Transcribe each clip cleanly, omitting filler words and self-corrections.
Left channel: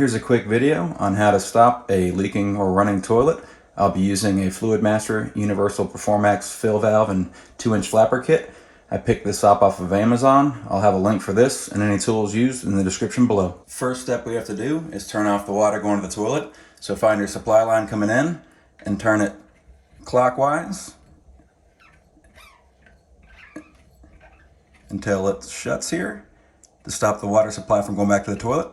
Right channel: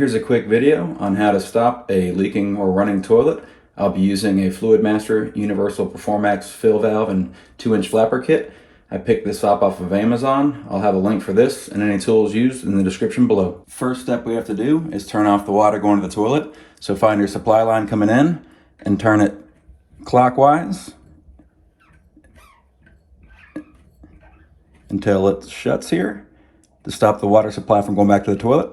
Here's a quick video on how to stop a leaking or running toilet. I'll be using a Fluidmaster Universal Performax fill valve and 2-inch flapper kit. I picked this up off of Amazon. I'll have a link for this and any tools used in the description below. First step we have to do is turn off the water going to the toilet. So find your supply line coming in and turn it clockwise until it shuts here to stop the water supply from going back to the toilet.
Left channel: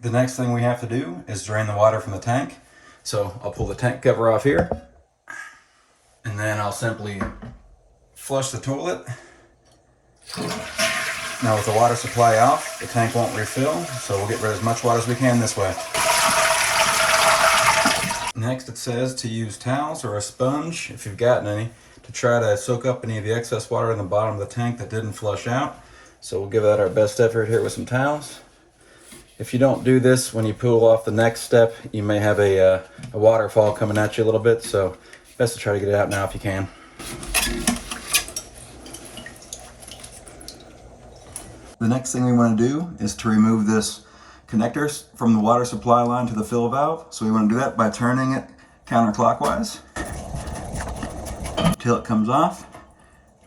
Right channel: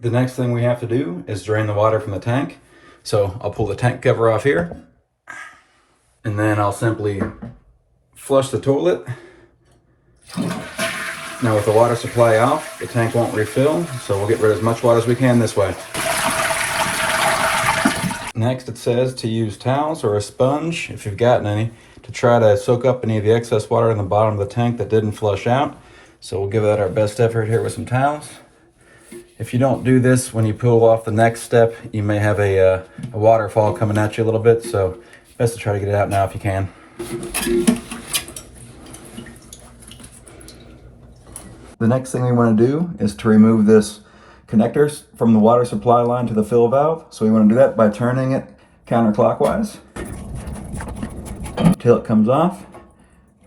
The next thing we have to do is drain the water from the tank. So I'll pull the tank cover off here, and then I'll simply flush the toilet. Now with the water supply off, the tank won't refill, so we'll get rid of as much water as we can this way. Next it says to use towels or a sponge, if you've gotten any, to try to soak up any of the excess water in the bottom of the tank that didn't flush out. So we'll give that our best effort here with some towels. If you don't do this when you pull off the next step, you may have a waterfall coming at you a little bit, so best to try to get it out now if you can. The next thing we want to do is to remove this connectors from the water supply line to the fill valve. So we want to do that by turning it counterclockwise until it comes off.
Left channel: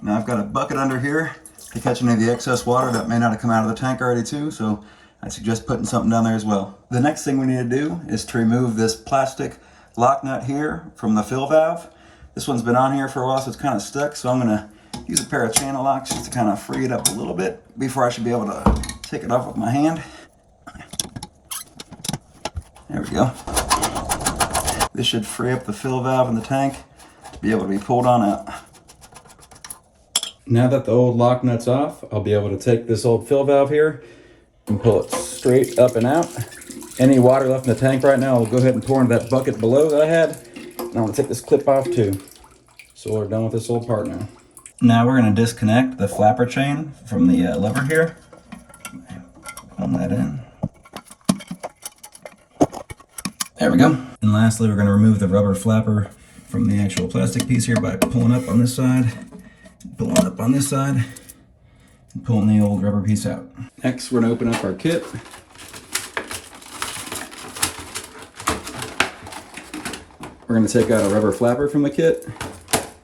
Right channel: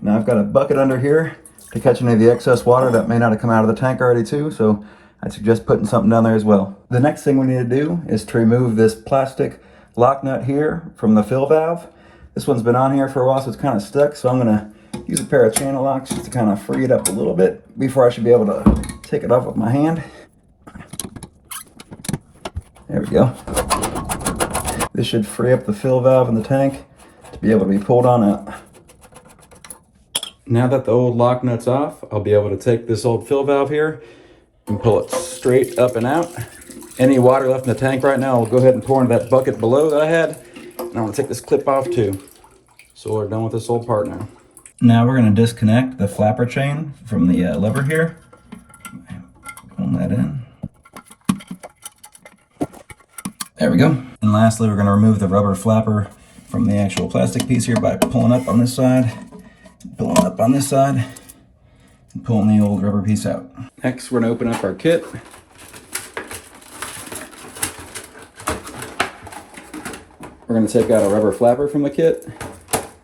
Now I've got a bucket under here to catch any of the excess water that may not have come out of the tank already too, so I suggest putting something down there as well. The next thing we need to do is to remove this plastic lock nut here from the fill valve. This one's been on here for a while, so it's kind of stuck, so I'm gonna use a pair of channel locks just to kind of free it up a little bit before I should be able to take it off with my hand. There we go. This should free up the fill valve in the tank to be able to be pulled on out. Now that the old lock nut's off, I'll be able to take this old fill valve here and pull it straight up and out. Any water left in the tank right now, I'll go ahead and pour into that bucket below that I had. And I'll take this clip off too. So we're done with this old part now. Now we're going to disconnect the flapper chain from the lever here. Pull that in. There we go. And lastly, we're going to remove the rubber flapper from the actual plastic piece here by pulling up on this side, pulling up on this side, and pulling the old rubber piece out. Next, we're going to open up our kit. We're going to take out a rubber flapper from the kit,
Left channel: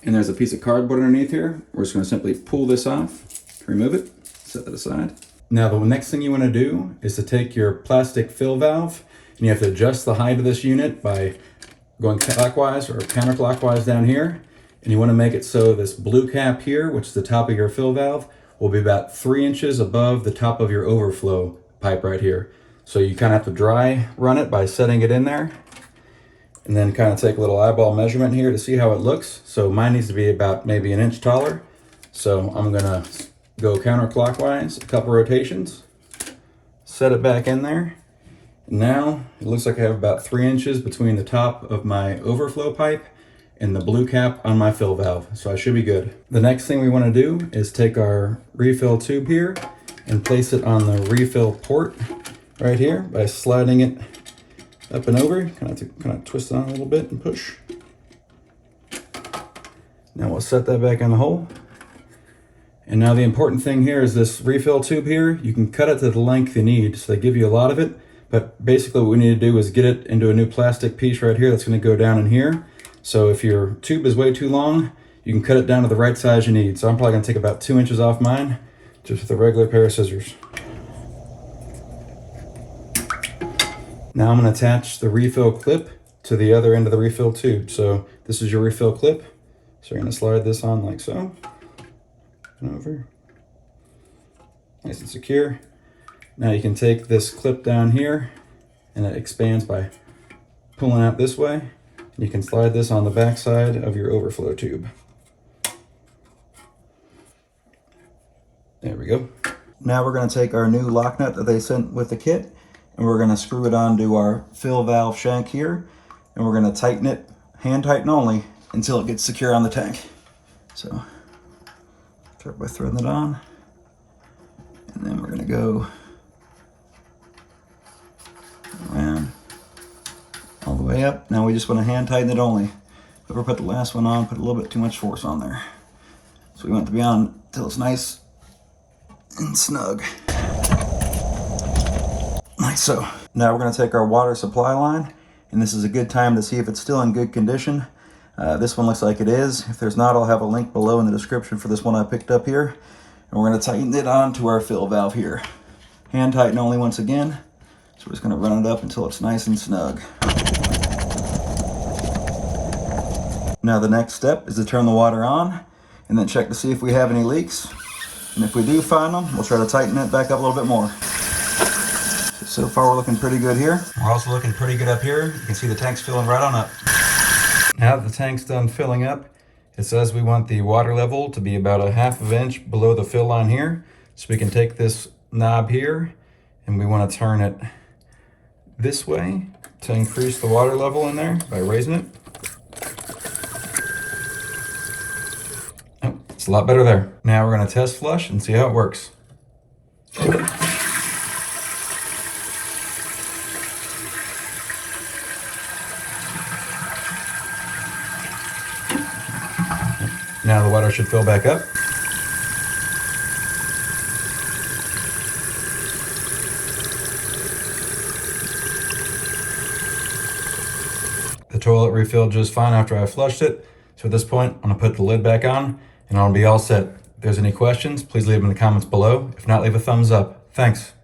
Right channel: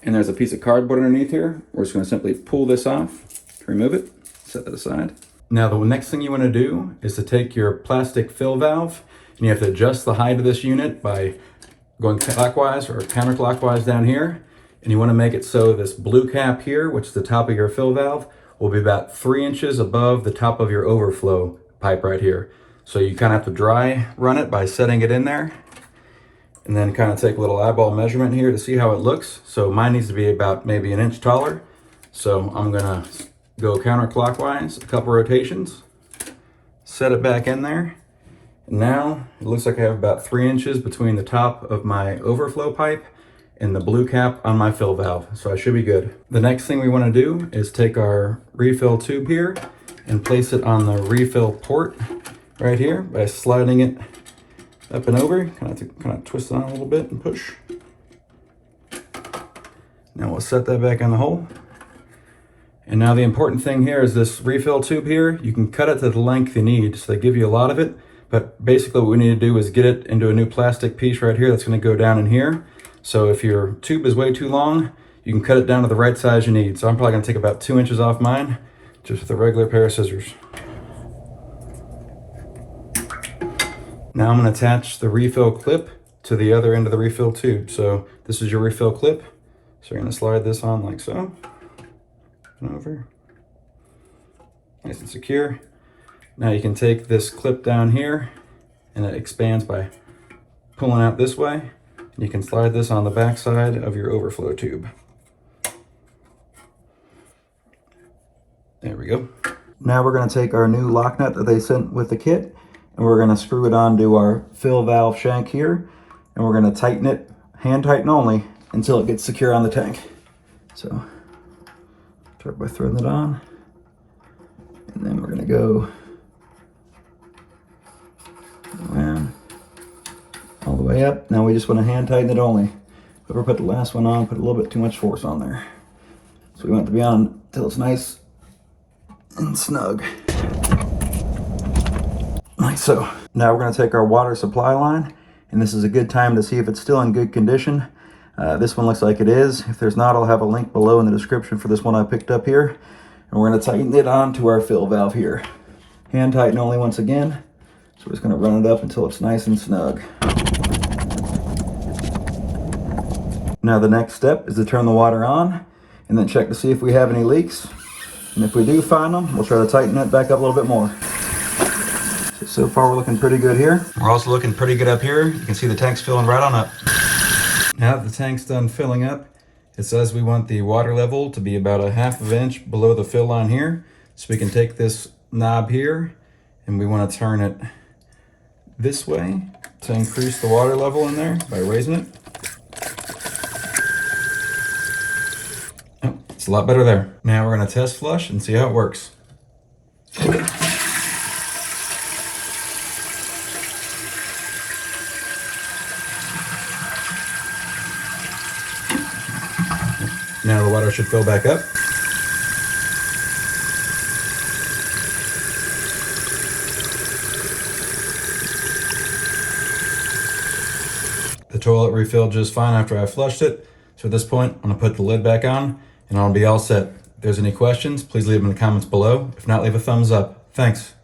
and there's a piece of cardboard underneath here. We're just going to simply pull this off, remove it, set that aside. Now the next thing you want to do is to take your plastic fill valve, and you have to adjust the height of this unit by going clockwise or counterclockwise down here. And you want to make it so this blue cap here, which is the top of your fill valve, will be about 3 inches above the top of your overflow pipe right here. So you kind of have to dry run it by setting it in there, and then kind of take a little eyeball measurement here to see how it looks. So mine needs to be about maybe 1 inch taller. So I'm gonna go counterclockwise a couple rotations, set it back in there. Now it looks like I have about 3 inches between the top of my overflow pipe and the blue cap on my fill valve, so I should be good. The next thing we want to do is take our refill tube here and place it on the refill port right here by sliding it up and over. Kind of twist it on a little bit and push. Now we'll set that back in the hole. And now the important thing here is this refill tube here. You can cut it to the length you need, so they give you a lot of it. But basically what we need to do is get it into a new plastic piece right here that's going to go down in here. So if your tube is way too long, you can cut it down to the right size you need. So I'm probably going to take about 2 inches off mine, just with a regular pair of scissors. Now I'm going to attach the refill clip to the other end of the refill tube. So this is your refill clip. So you're going to slide this on like so. And over. Nice and secure. Now you can take this clip down here, and it expands by pulling out this way. You can slide this on the back side of your overflow tube. There we go. Now we're going to take our new lock nut that they sent with the kit, and we're going to screw it onto our fill valve shank here, and we're going to tighten it, hand tighten only, until it gets secure on the tank. So start by threading it on, and then we're going to go around all the way up. Now we just want to hand tighten it only. Whoever put the last one on put a little bit too much force on there. So we want it to be on until it's nice and snug. Like so. Now we're going to take our water supply line, and this is a good time to see if it's still in good condition. This one looks like it is. If there's not, I'll have a link below in the description for this one I picked up here. And we're going to tighten it onto our fill valve here. Hand tighten only once again. So we're just going to run it up until it's nice and snug. Now the next step is to turn the water on and then check to see if we have any leaks. And if we do find them, we'll try to tighten it back up a little bit more. So far we're looking pretty good here. We're also looking pretty good up here. You can see the tank's filling right on up. Now that the tank's done filling up, it says we want the water level to be about a half of an inch below the fill line here. So we can take this knob here and we want to turn it this way to increase the water level in there by raising it. Oh, it's a lot better there. Now we're going to test flush and see how it works. Now the water should fill back up. The toilet refilled just fine after I flushed it. So at this point, I'm gonna put the lid back on and I'll be all set. If there's any questions, please leave them in the comments below. If not, leave a thumbs up. Thanks.